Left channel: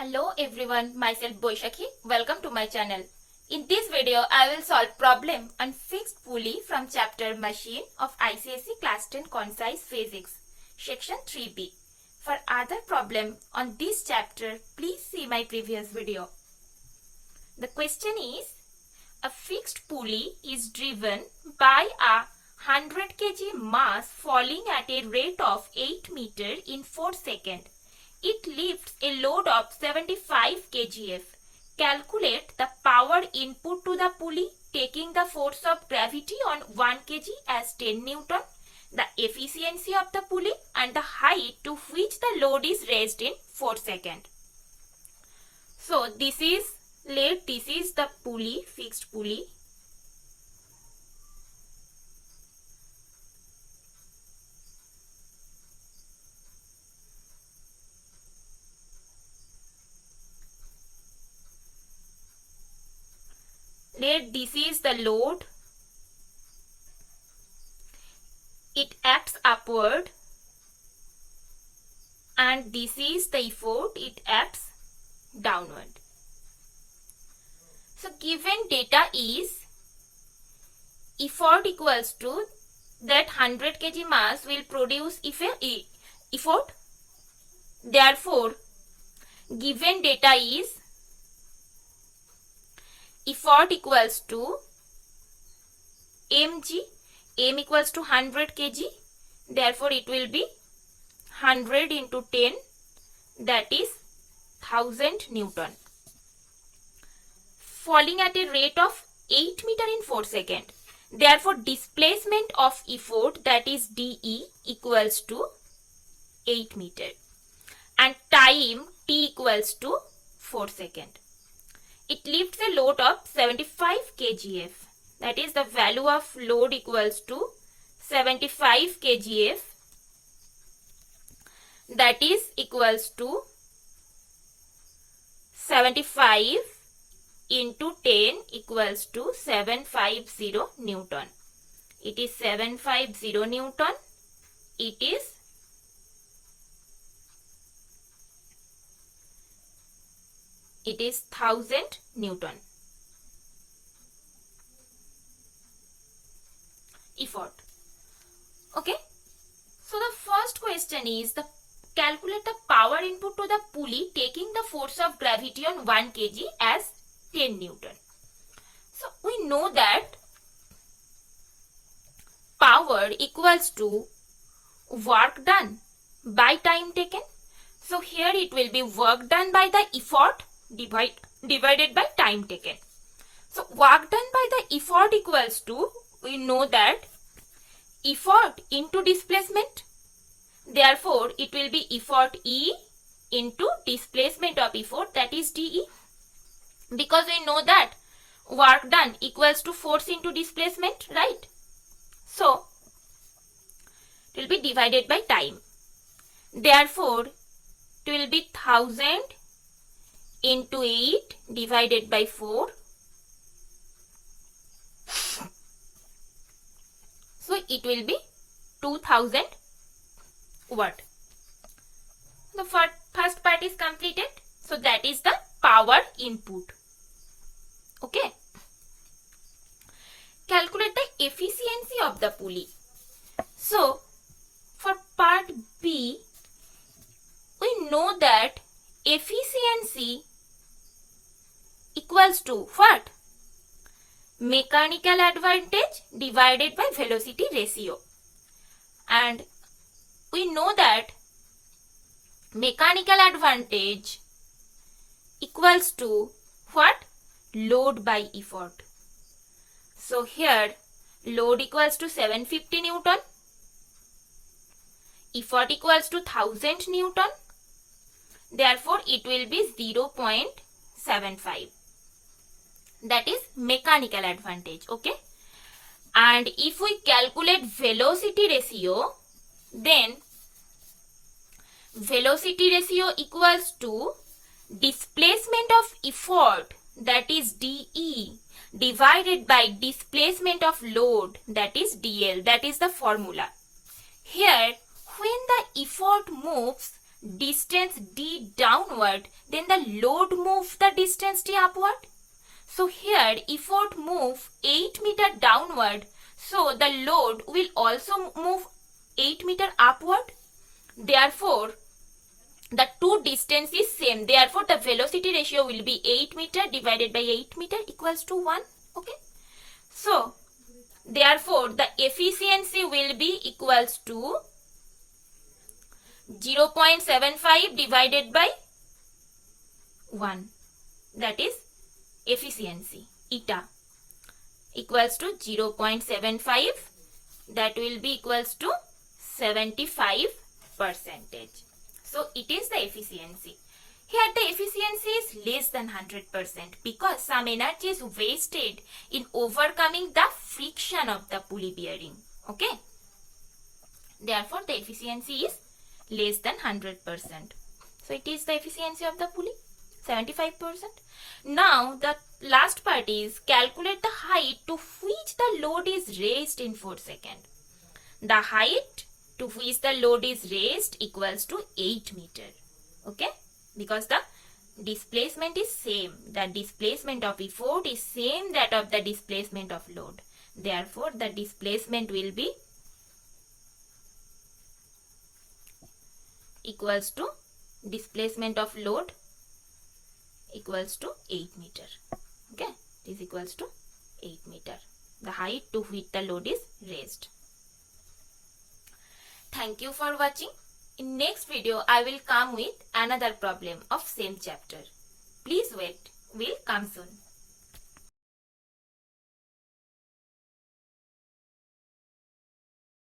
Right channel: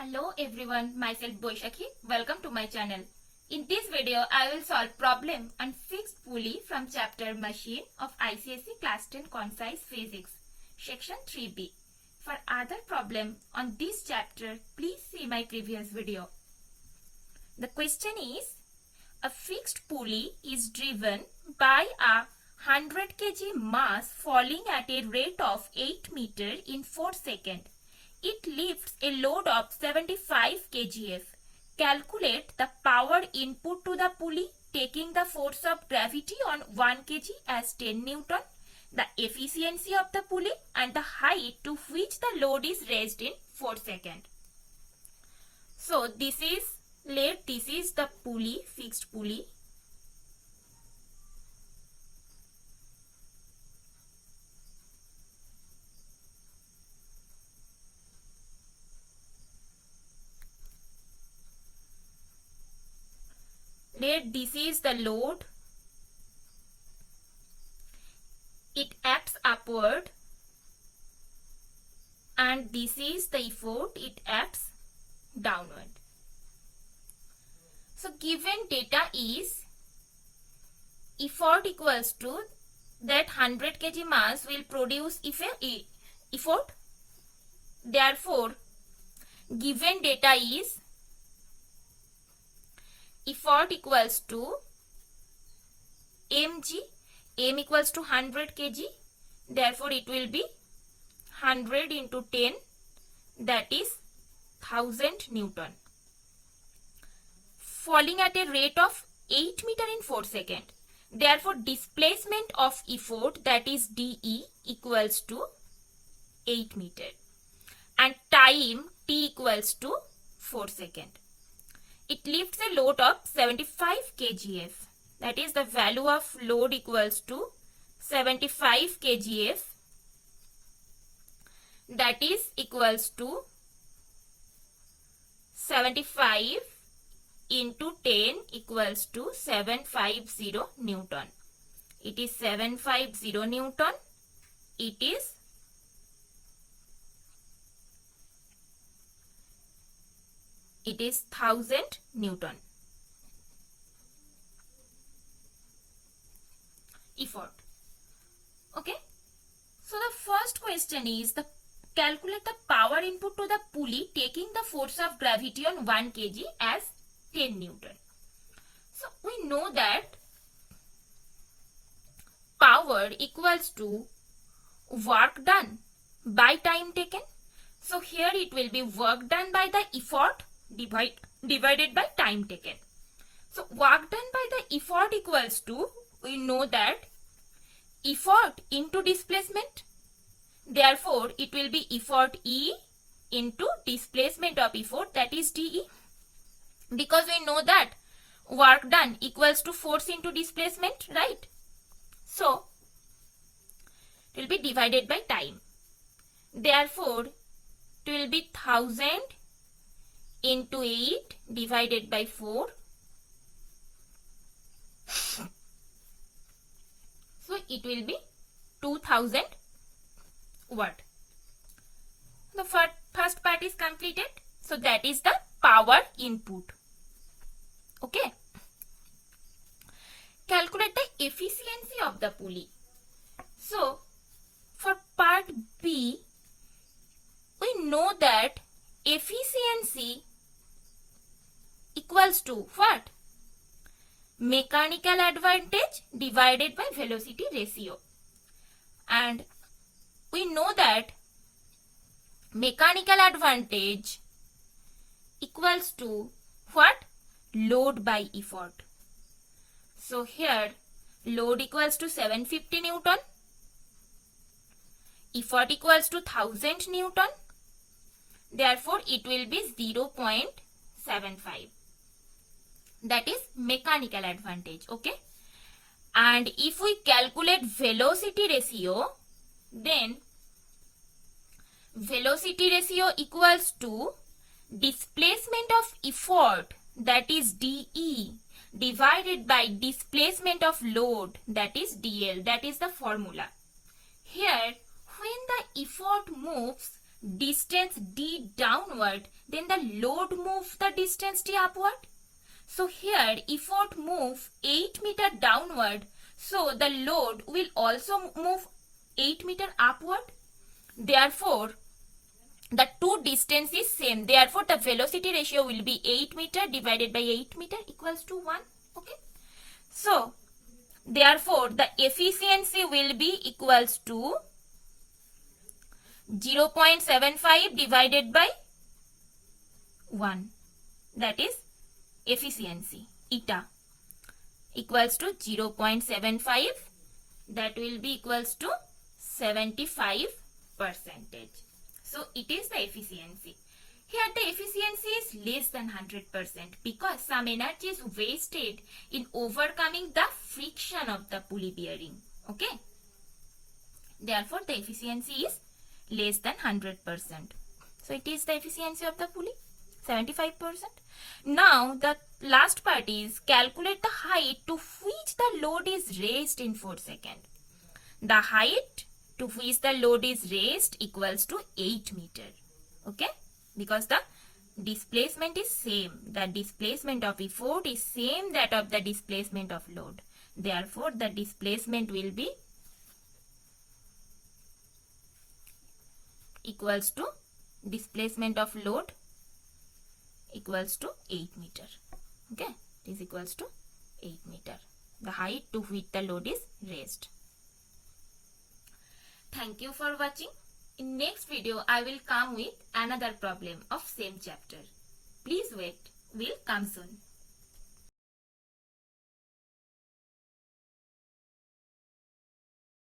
Hello everyone, myself Boishakhi. Welcome to my channel. In this video, I will solve problem on fixed pulley from chapter Machine of ICSE Class 10 Concise Physics, section 3B. For other problem on this chapter, please see my previous video. The question is, a fixed pulley is driven by a 100 kg mass falling at a rate of 8 meter in 4 seconds. It lifts a load of 75 kgf. Calculate the power input to the pulley taking the force of gravity on 1 kg as 10 Newton, the efficiency of the pulley and the height to which the load is raised in 4 seconds. So this is the pulley, fixed pulley. This is the load. It acts upward, and this is the effort. It acts downward. So given data is effort equals to that 100 kg mass will produce effort. Therefore, given data is effort equals to mg, m equals to 100 kg, therefore it will be 100 into 10, that is 1000 Newton. Falling at a rate of 8 meter in 4 seconds. Therefore displacement of effort, that is dE, equals to 8 meter and time t equals to 4 seconds. It lifts a load of 75 kgf. That is the value of load equals to 75 kgf. That is equals to 75 into 10 equals to 750 Newton. It is 750 Newton. It is 1000 Newton. Effort. Okay. So the first question is calculate the power input to the pulley taking the force of gravity on 1 kg as 10 Newton. So we know that power equals to work done by time taken. So here it will be work done by the effort divided by time taken. So work done by the effort equals to, we know that effort into displacement. Therefore it will be effort E into displacement of effort, that is dE. Because we know that work done equals to force into displacement, right? So it will be divided by time. Therefore it will be 1000 into 8 divided by 4. So it will be 2000 watt. The first part is completed. So that is the power input. Okay. Calculate the efficiency of the pulley. So for part B, we know that efficiency equals to what? Mechanical advantage divided by velocity ratio. And we know that mechanical advantage equals to what? Load by effort. So here load equals to 750 Newton. Effort equals to 1000 Newton. Therefore it will be 0.75. That is mechanical advantage. Okay. And if we calculate velocity ratio, then velocity ratio equals to displacement of effort, that is dE, divided by displacement of load, that is dL. That is the formula. Here when the effort moves distance d downward, then the load move the distance t upward. So here effort move 8 meter downward, so the load will also move 8 meter upward. Therefore, the two distance is same. Therefore, the velocity ratio will be 8 meter divided by 8 meter equals to 1. Okay. So, therefore, the efficiency will be equals to 0.75 divided by 1. That is efficiency eta equals to 0.75. That will be equals to 75%. So it is the efficiency. Here the efficiency is less than 100% because some energy is wasted in overcoming the friction of the pulley bearing. Okay. Therefore the efficiency is less than 100%. So it is the efficiency of the pulley 75%. Now the last part is calculate the height to which the load is raised in 4 seconds. The height to which the load is raised equals to 8 meter. Okay. Because the displacement is same. The displacement of effort is same that of the displacement of load. Therefore the displacement will be equals to displacement of load equals to 8 meter. Okay, this is equals to 8 meter. The height to which the load is raised. Thank you for watching. In next video, I will come with another problem of same chapter. Please wait. Will come soon.